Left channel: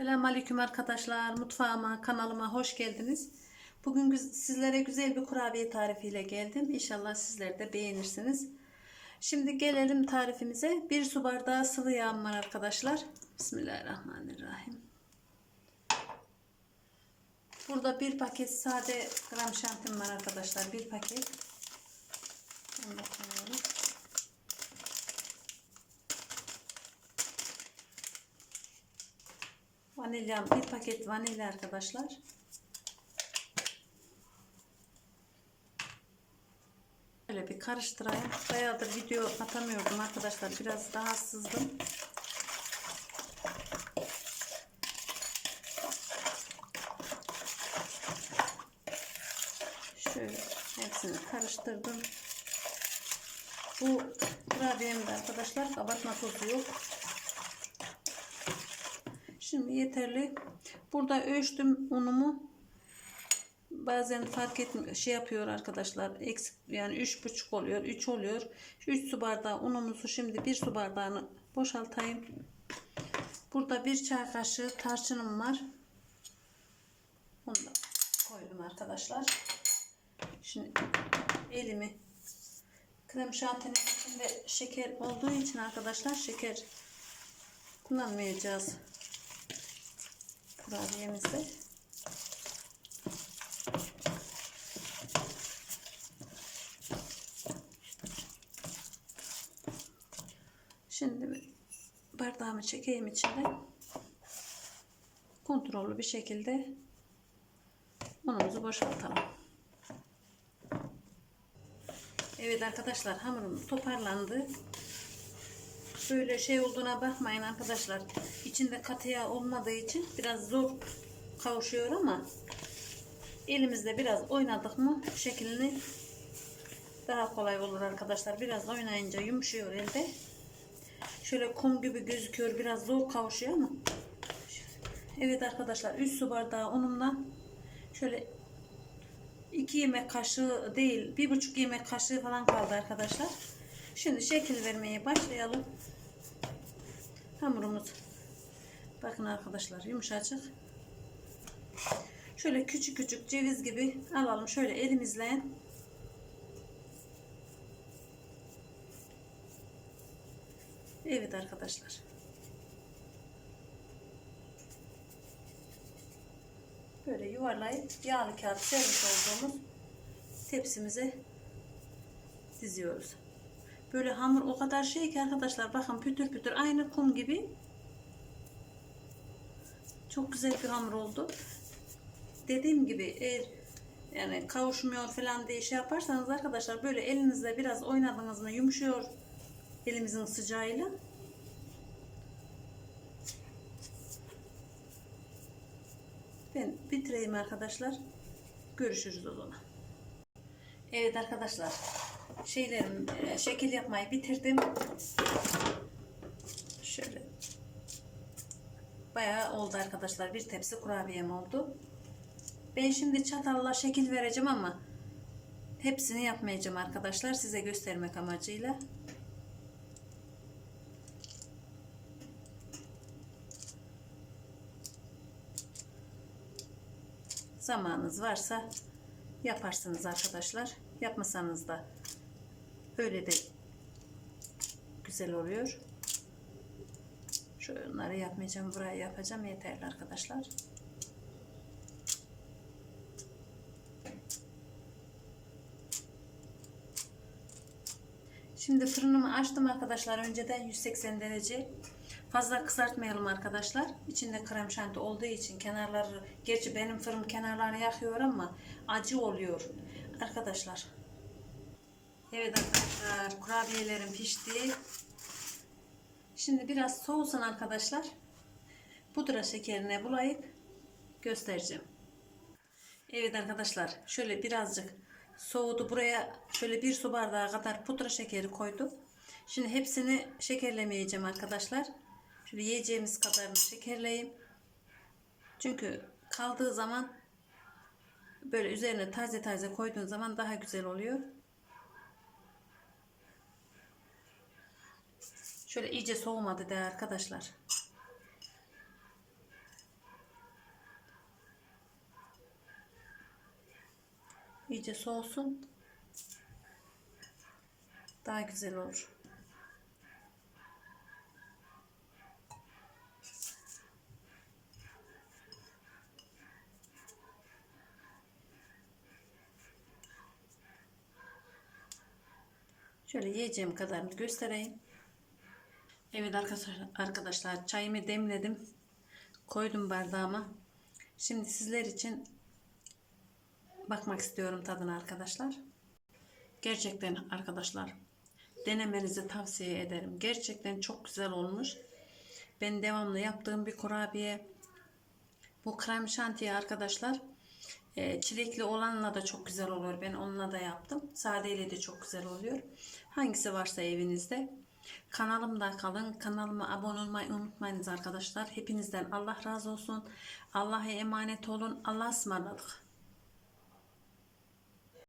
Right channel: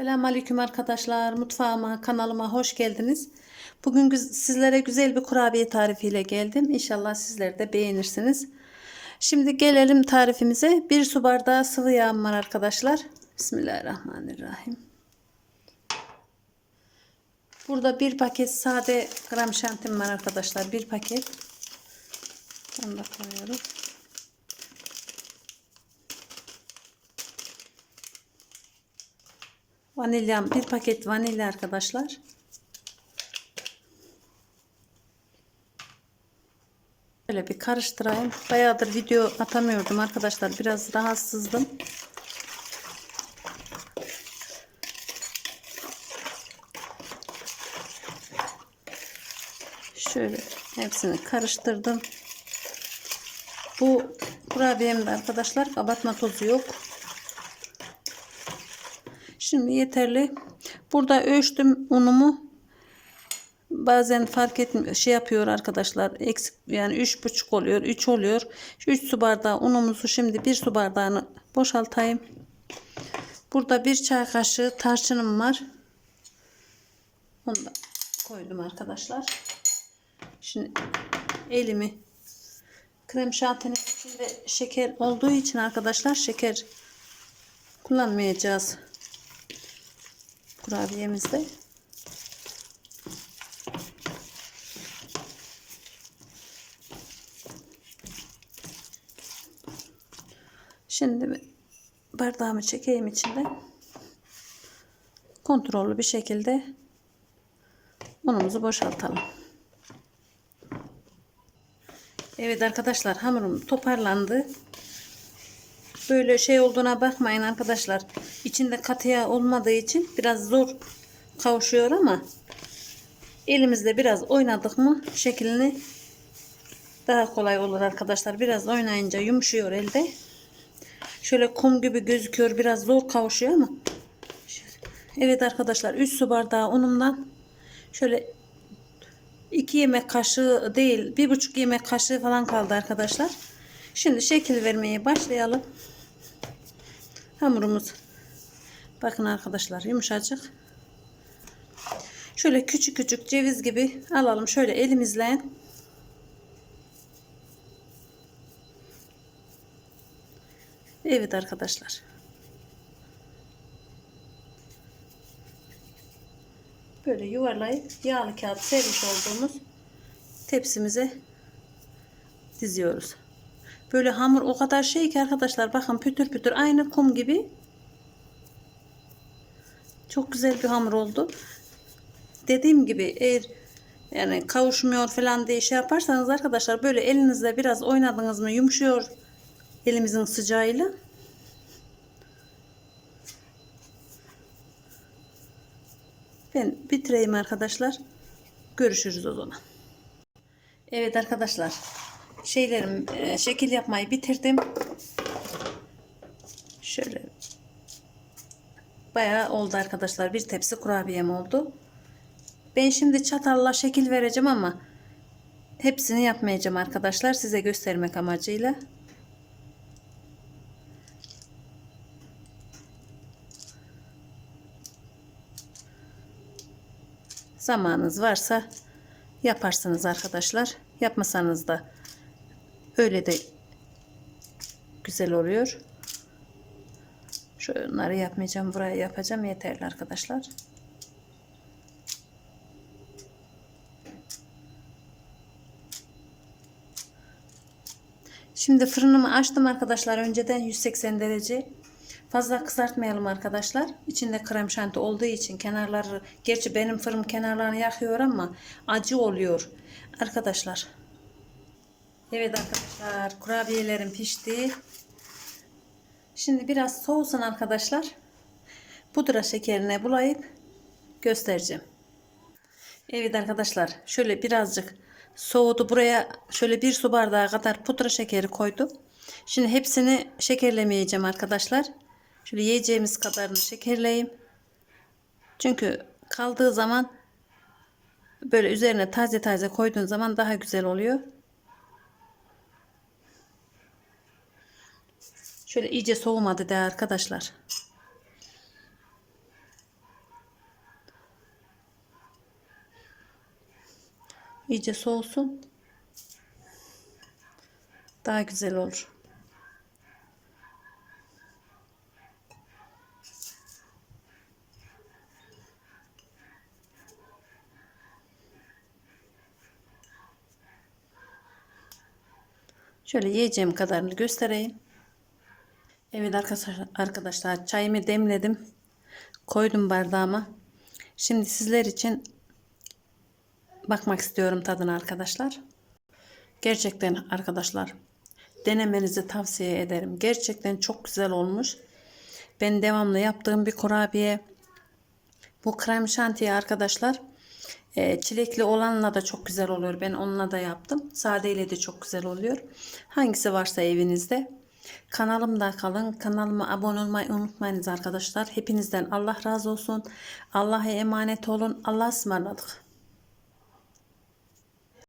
Selamünaleyküm arkadaşlar. Mutfağıma, kanalıma hoş geldiniz. Bugün sizlere güzel bir kurabiye tarifiyle geldim. İnşallah sizler de beğenirsiniz. Şimdi gelelim tarifimize. Bir su bardağı sıvı yağım var arkadaşlar. Bismillahirrahmanirrahim. Burada bir paket sade gram şantim var arkadaşlar. Bir paket. Onu da koyuyoruz. Vanilyam bir paket vanilya arkadaşlar. Böyle bir karıştırayım. Bayağıdır video atamıyordum arkadaşlar. Biraz rahatsızdım. Şöyle hepsini karıştırdım. Bu kurabiyemde arkadaşlar kabartma tozu yok. Şimdi yeterli. Burada ölçtüm unumu. Bazen fark etmiyor. Şey yapıyor arkadaşlar. Eksik yani üç buçuk oluyor. 3 oluyor. Şu 3 su bardağı unumuzu şimdi bir su bardağını boşaltayım. Burada bir çay kaşığı tarçınım var. Onu da koydum arkadaşlar. Şimdi elimi krem şantinin içinde şeker olduğu için arkadaşlar şeker kullanmayacağız kurabiyemizde. Şimdi bardağımı çekeyim içinde. Kontrollü bir şekilde unumuzu boşaltalım. Evet arkadaşlar hamurum toparlandı. Böyle şey olduğuna bakmayın arkadaşlar. İçinde katı yağ olmadığı için biraz zor kavuşuyor ama elimizde biraz oynadık mı şeklini daha kolay olur arkadaşlar. Biraz oynayınca yumuşuyor elde. Şöyle kum gibi gözüküyor. Biraz zor kavuşuyor ama. Evet arkadaşlar 3 su bardağı unumdan şöyle 2 yemek kaşığı değil 1,5 yemek kaşığı falan kaldı arkadaşlar. Şimdi şekil vermeye başlayalım. Hamurumuz bakın arkadaşlar yumuşacık. Şöyle küçük küçük ceviz gibi alalım şöyle elimizle. Evet arkadaşlar. Böyle yuvarlayıp yağlı kağıt sermiş olduğumuz tepsimize diziyoruz. Böyle hamur o kadar şey ki arkadaşlar bakın pütür pütür aynı kum gibi. Çok güzel bir hamur oldu. Dediğim gibi eğer yani kavuşmuyor falan diye şey yaparsanız arkadaşlar böyle elinizle biraz oynadınız mı yumuşuyor elimizin sıcağıyla. Ben bitireyim arkadaşlar. Görüşürüz o zaman. Evet arkadaşlar. Şeylerim e, şekil yapmayı bitirdim. Şöyle bayağı oldu arkadaşlar. Bir tepsi kurabiyem oldu. Ben şimdi çatalla şekil vereceğim ama hepsini yapmayacağım arkadaşlar. Size göstermek amacıyla. Zamanınız varsa yaparsınız arkadaşlar. Yapmasanız da öyle de güzel oluyor. Şunları yapmayacağım. Buraya yapacağım. Yeterli arkadaşlar. Şimdi fırınımı açtım arkadaşlar. Önceden 180 derece. Fazla kızartmayalım arkadaşlar. İçinde krem şanti olduğu için kenarları gerçi benim fırın kenarlarını yakıyor ama acı oluyor arkadaşlar. Evet arkadaşlar kurabiyelerim pişti. Şimdi biraz soğusun arkadaşlar. Pudra şekerine bulayıp göstereceğim. Evet arkadaşlar şöyle birazcık soğudu. Buraya şöyle bir su bardağı kadar pudra şekeri koydum. Şimdi hepsini şekerlemeyeceğim arkadaşlar. Şöyle yiyeceğimiz kadarını şekerleyeyim. Çünkü kaldığı zaman böyle üzerine taze taze koyduğun zaman daha güzel oluyor. Şöyle iyice soğumadı de arkadaşlar. İyice soğusun. Daha güzel olur. Şöyle yiyeceğim kadarını göstereyim. Evet arkadaşlar, çayımı demledim. Koydum bardağıma. Şimdi sizler için bakmak istiyorum tadına arkadaşlar. Gerçekten arkadaşlar denemenizi tavsiye ederim. Gerçekten çok güzel olmuş. Ben devamlı yaptığım bir kurabiye. Bu krem şantiye arkadaşlar e, çilekli olanla da çok güzel oluyor. Ben onunla da yaptım. Sadeyle de çok güzel oluyor. Hangisi varsa evinizde. Kanalımda kalın. Kanalıma abone olmayı unutmayınız arkadaşlar. Hepinizden Allah razı olsun. Allah'a emanet olun. Allah'a ısmarladık.